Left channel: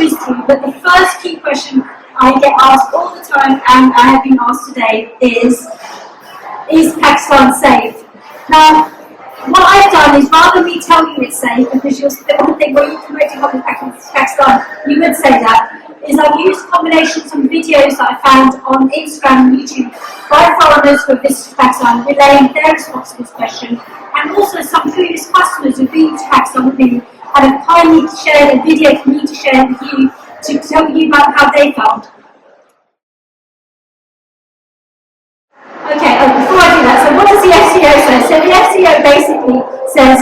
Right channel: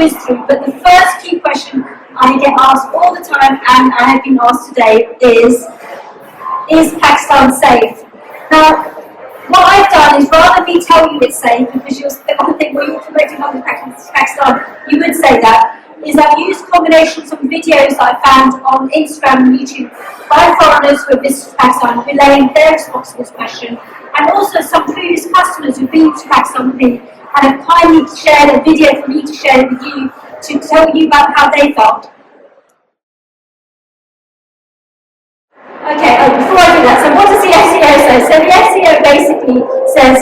whiz through, but the first key question I get asked all the time, and I have been asked today, is Pakistan safe? Now, what I've done is, rather than me tell you it's safe, because you'll think, well, you're promoting holiday Pakistan, you would say that, is I've used a combination of some videos that I found on Instagram and YouTube by foreigners who have visited Pakistan, relaying their response to this question, and also some previous customers who've been to Pakistan with me and have kindly shared a video for me to share with you to tell you about how they felt. Okay, before I do that, so what does the SEO say? So the SEO basically says,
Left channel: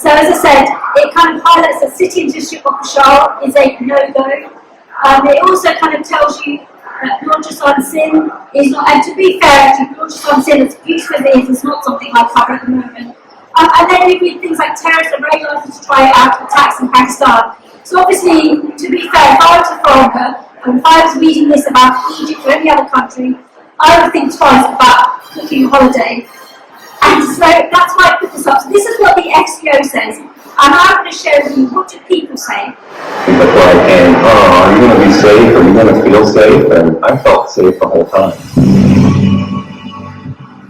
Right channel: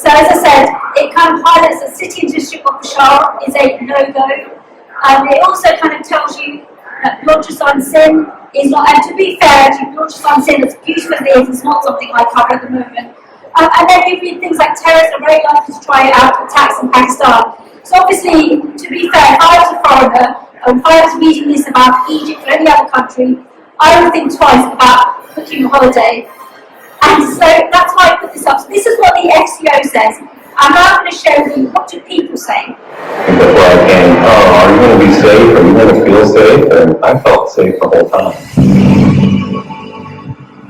so as I said, it kind of highlights that city and district of Peshawar is a no-go. It also kind of tells you that Balochistan Sin is not, and to be fair, actually, Balochistan Sin, as beautiful as it is, it's not something I cover at the moment. And then we read things like terrorists are very likely to try out attacks in Pakistan. So obviously, to be fair, if I was a foreigner, if I was reading this about Egypt or any other country, I would think twice about booking a holiday. And so that's why I put this up. So this is what the SEO says. And now I'm going to share with you, what do people say? People are saying, oh, are you going to be safe? Are you going to feel safe? And I felt safe the whole time.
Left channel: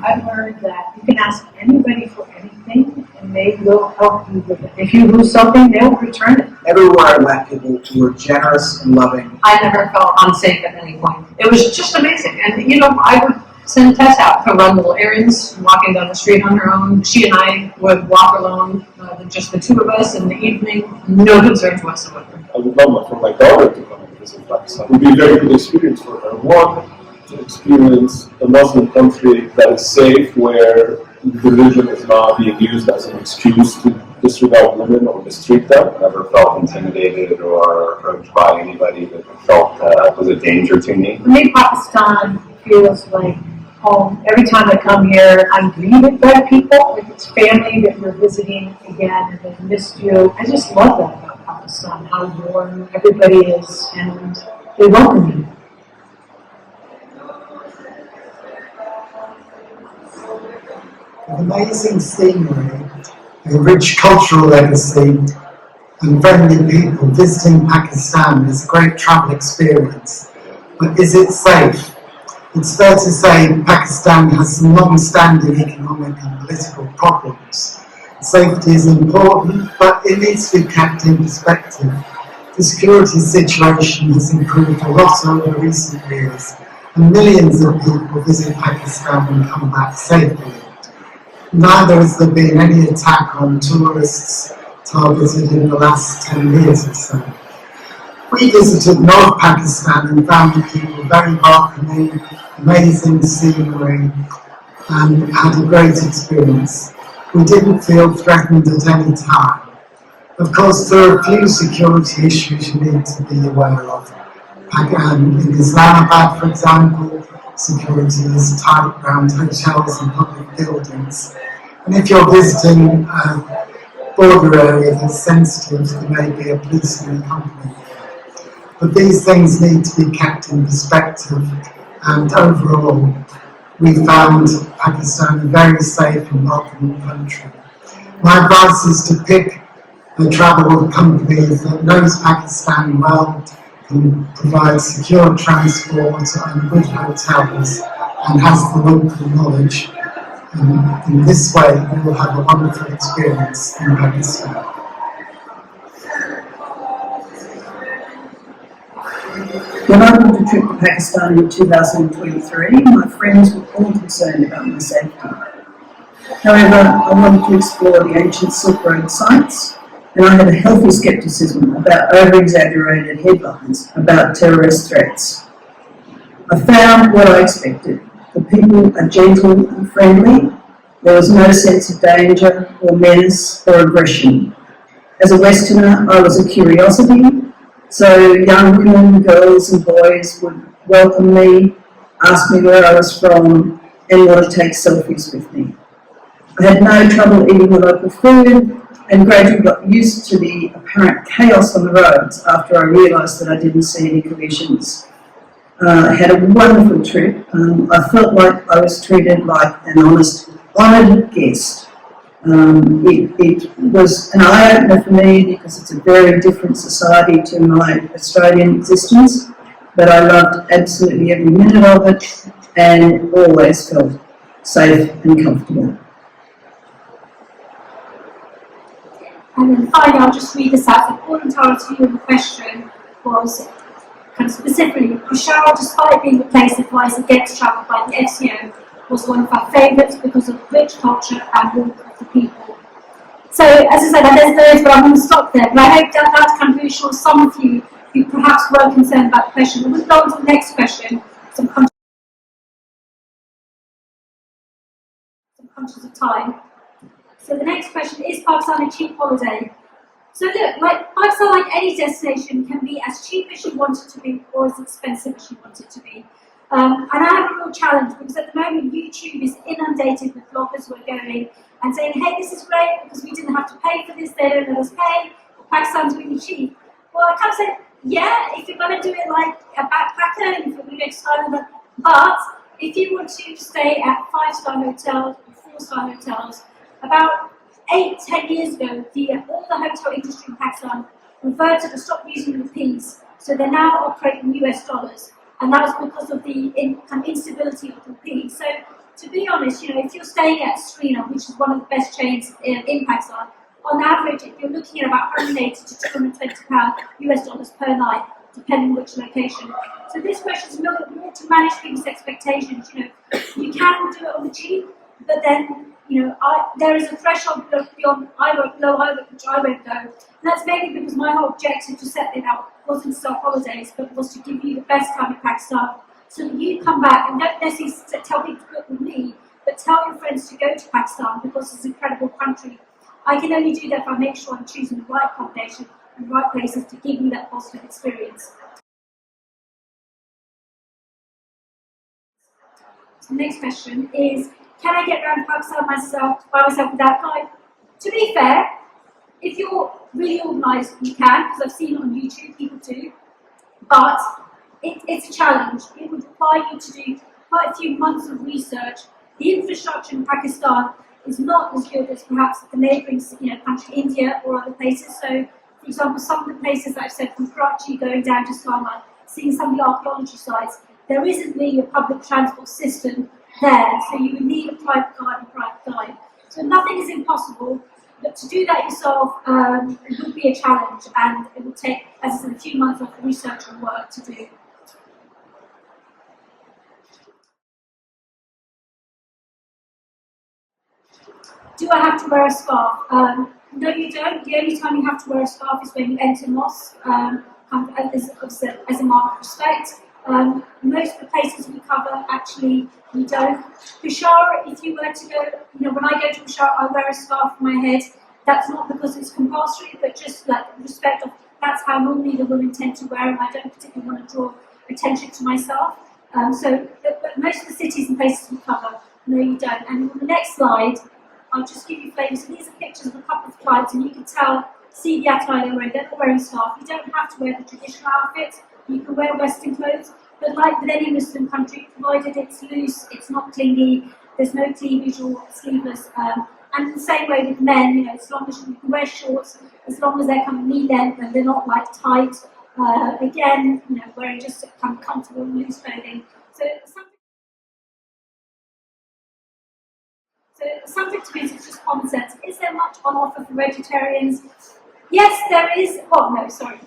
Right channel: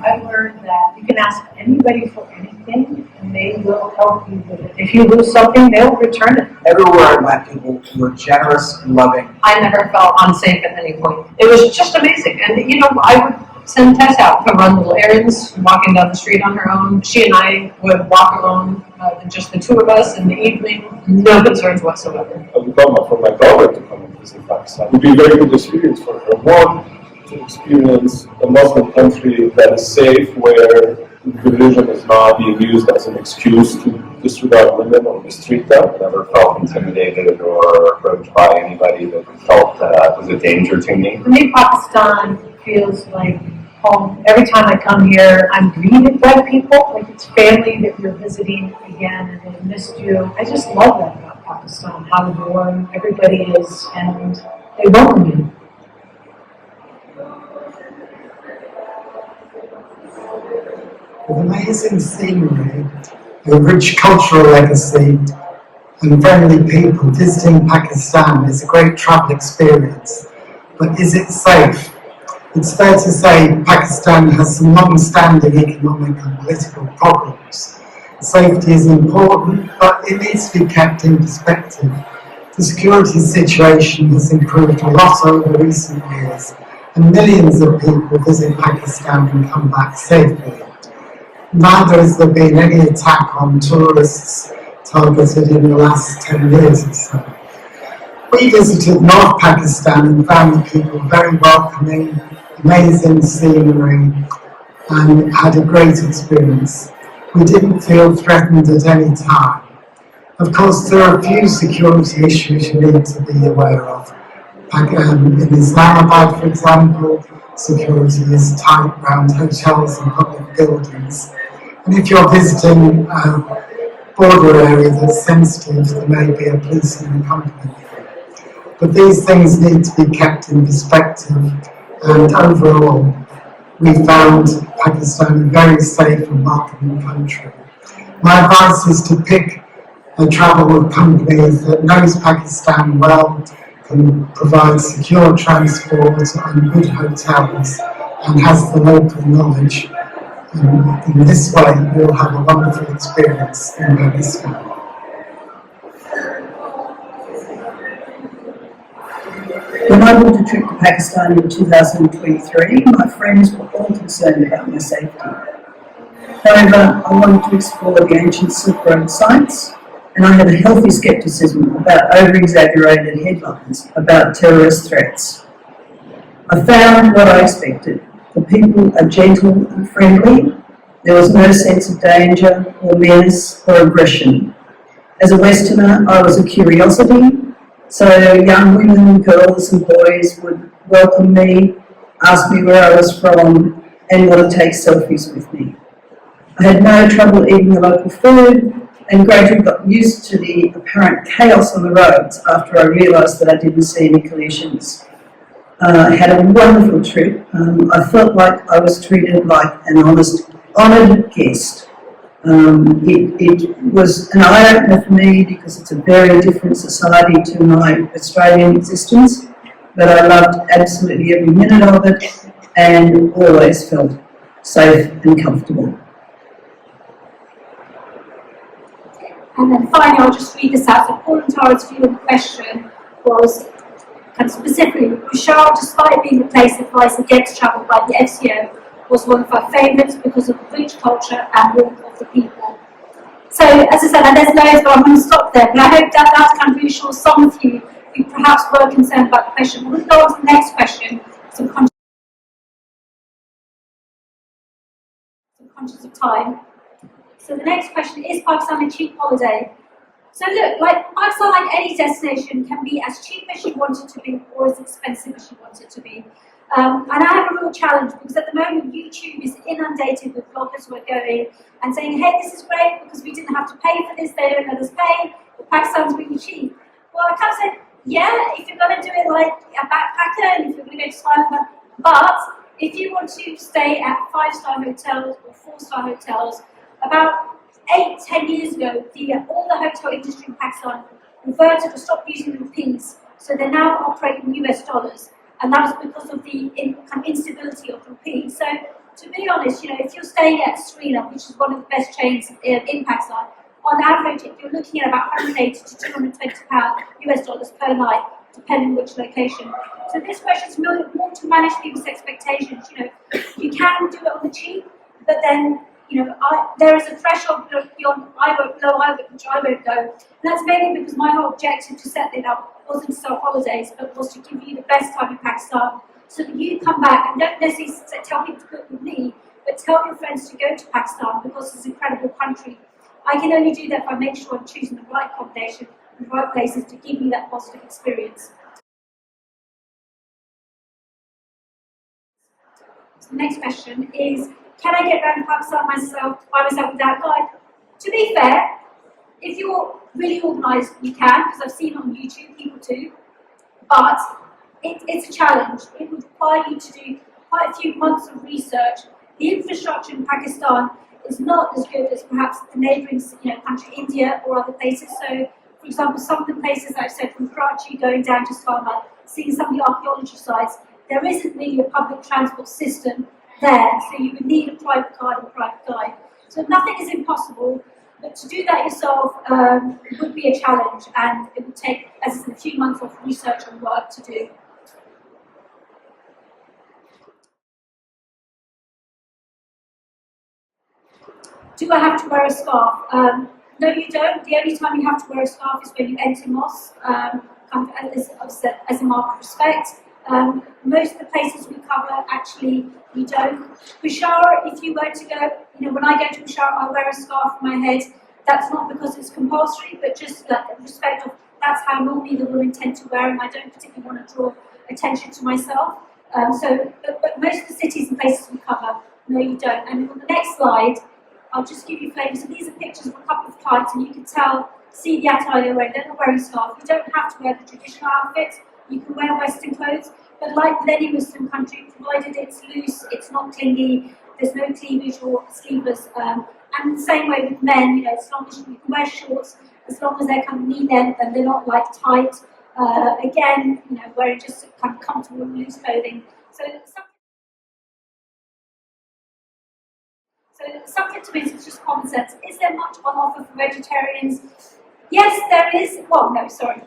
I've heard that you can ask anybody for anything and they will help you with it. If you lose something, they'll return it. Everywhere I went, people were generous and loving. I never felt unsafe at any point. It was just amazing. And you know, I would send Tess out to run little errands, walking down the street on her own. She and I would walk alone, just the two of us in the evening, no concerns whatsoever. I would love for my daughter to come and visit Pakistan. It would be a very good experience for her. One, to experience a Muslim country that is safe, where religion is not being used as an excuse to disregard women or mistreat them. Never felt intimidated or hurt by anybody that felt was a danger to me. For me, Pakistan feels like home. Every time I come here, I'm greeted by people, like it's family that you're visiting again and they missed you. I just love that about Pakistan, how warm everybody is and they welcome you. With amazing scenery, a rich cultural legacy, and friendly people, visiting Pakistan is a great travel experience. But is it safe? It's fair to say Pakistan has some long-standing economic and political problems. Safety is important, but it needs to be kept in perspective. The security situation has improved a lot over recent years, and millions of people visit Pakistan and come back safely. Neither has there been any attack on tourists targeted in the last 10 years or so. We visited North Pakistan and found people very welcoming, amazing scenery, and had a great experience. We didn't feel threatened at any time. Of course, there are a few security issues you need to be aware of. In Islamabad, for example, security is tight around hotels and public buildings. And if you're visiting a border area that's sensitive, there may be a policeman accompanying you. But these things need to be kept in perspective, and overall, we found Pakistan a very safe and welcoming country. My advice is to pick and travel with companies that knows Pakistan well, can provide secure transport and good hotels, and has the local knowledge. In this way, you'll have a wonderful experience in Pakistan. When I booked a trip to Pakistan in 2023, my friends were all concerned about my safety. However, I wanted to explore the ancient Silk Road sites, and I had a healthy scepticism about over-exaggerated headlines about terrorist threats. I found what I expected. The people are gentle and friendly. There was no sense of danger or menace or aggression. As a Westerner, I was a curiosity, so young women, girls and boys would welcome me, ask me where I was from, and want to take selfies with me. I had no trouble eating the local food and gradually got used to the apparent chaos on the roads after I realised that I didn't see any collisions. I had a wonderful trip. I felt like I was treated like an honoured guest. It was an eye-opener for me because it's a very different society to my Australian existence, but I loved absolutely every minute of it and always felt safe and comfortable. And then finally, I'll just read this out. So Paul and Tara's view of the question was kind of specifically, Peshawar, despite being the place advised against travel by the FCO, was one of our favourites because of the rich culture and warmth of the people. So, as I said, and there's loads, but I'm going to stop there. But I hope that that's kind of reassures some of you who perhaps were concerned about the question. We'll go on to the next question. So I'm conscious of time. So the next question, is Pakistan a cheap holiday? So look, like Pakistan, like any destination, can be as cheap as you want it to be or as expensive as you want it to be. And I have a real challenge because at the moment YouTube is inundated with bloggers who are going and saying, hey, this is great because we didn't have to pay for this, they don't let us pay, but Pakistan's really cheap. Well, I can't say, yeah, if you're going to do it like a backpacker and if you're going to go to Thailand, but if you want to stay at 5-star hotels or 4-star hotels, about 8-10 years ago, all the hotel industry in Pakistan reverted to stop using rupees, so they're now operating US dollars, and that was because of the instability of the rupee. So, to be honest, if you're staying at Serena, which is one of the best chains in Pakistan, on average, if you're looking at about 180 to 220 pounds US dollars per night, depending on which location. So this question is more to manage people's expectations. You can do it on the cheap, but then there is a threshold beyond which I won't go. And that's mainly because my whole objective to set it up wasn't to sell holidays, but was to give you the best time in Pakistan, so that you come back and don't necessarily tell people to book with me, but tell your friends to go to Pakistan because it's an incredible country. I can only do that if I make sure I'm choosing the right accommodation and the right places to give you that positive experience. So the next question is, can I get around Pakistan by myself without a guide? To be fair, if you're really organised, you can, because I've seen it on YouTube, people do. But it's a challenge. It would require you to do quite a few months of research. The infrastructure in Pakistan is not as good as perhaps the neighbouring country, India or other places. So, for example, some of the places I've said, from Karachi going down to Islamabad, seeing some of the archaeology sites, there isn't really a public transport system there, so you would need a private guide or private guide. So nothing is impossible, but to do that yourself would be a challenge, and it would take, as I said, a few months of research and work to do. Do I have to wear a scarf? No, you don't. The only time you have to wear a scarf is when you enter mosque, as a mark of respect. Most of the places we cover, actually, we don't. Peshawar, if you were to go, when I go to Peshawar, I wear a scarf on my head. That's not because it's compulsory, but just like respect of, that's how normally the women tend to wear them. I don't particularly want to draw attention to myself. But most of the cities and places we cover, no, you don't. And on the next slide, I'll just give you flavours. So these are pictures of a couple of clients, and you can see the attire they're wearing. They're not wearing scarf. You don't have to wear the traditional outfits. You can wear Western clothes, but like with any Muslim country, provided it's loose, it's not clingy, there's no cleavage or sleeveless. And the same way with men, as long as you can wear shorts, as long as they're kind of knee length and they're not like tight. Again, wearing just kind of comfortable, loose clothing. So something to me is just common sense. Is there much on offer for vegetarians? Yes, there is. Well, no, sorry.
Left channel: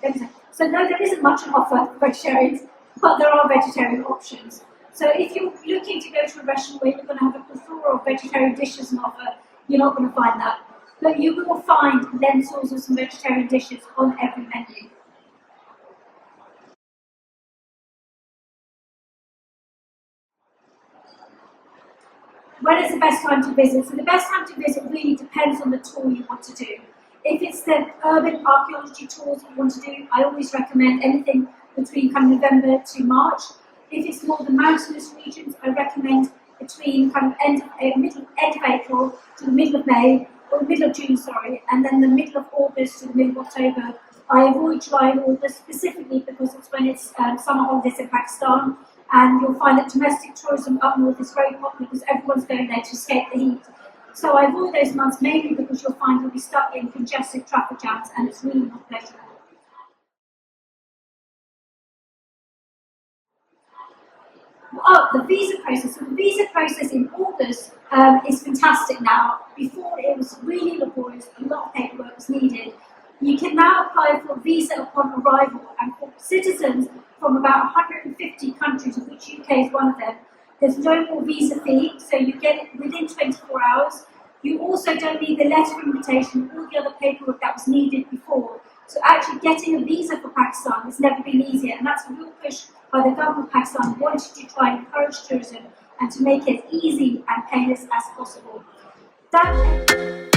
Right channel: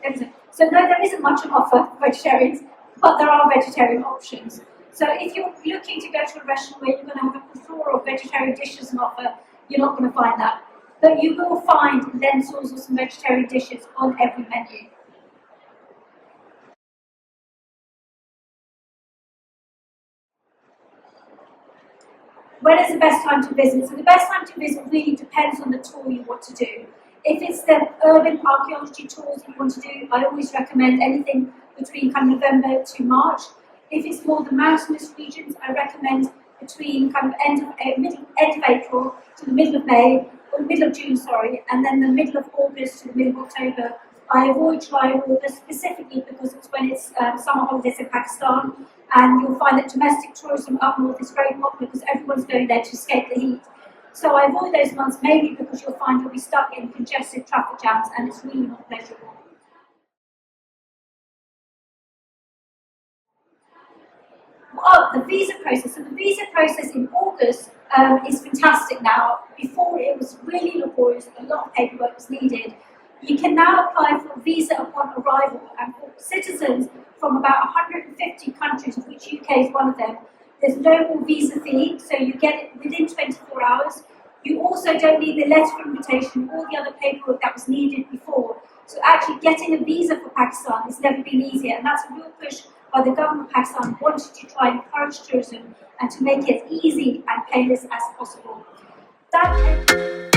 So no, there isn't much on offer for vegetarians, but there are vegetarian options. So if you're looking to go to a restaurant where you're going to have a plethora of vegetarian dishes on offer, you're not going to find that. But you will find lentils or some vegetarian dishes on every menu. When is the best time to visit? So the best time to visit really depends on the tour you want to do. If it's the urban archaeology tours you want to do, I always recommend anything between kind of November to March. If it's more the mountainous regions, I recommend between kind of end of April to the middle of May, or the middle of June, sorry, and then the middle of August to the middle of October. I avoid July and August specifically because it's when it's summer holidays in Pakistan, and you'll find that domestic tourism up north is very popular because everyone's going there to escape the heat. So I avoid those months mainly because you'll find you'll be stuck in congested traffic jams and it's really not pleasurable. Oh, the visa process. So the visa process in August is fantastic now. Before it was really laborious, a lot of paperwork was needed. You can now apply for a visa upon arrival, and for citizens from about 150 countries, of which UK is one of them, there's no more visa fee, so you get it within 24 hours. You also don't need the letter of invitation, all the other paperwork that was needed before. So actually getting a visa for Pakistan has never been easier, and that's a real push by the government of Pakistan wanting to try and encourage tourism and to make it as easy and painless as possible. That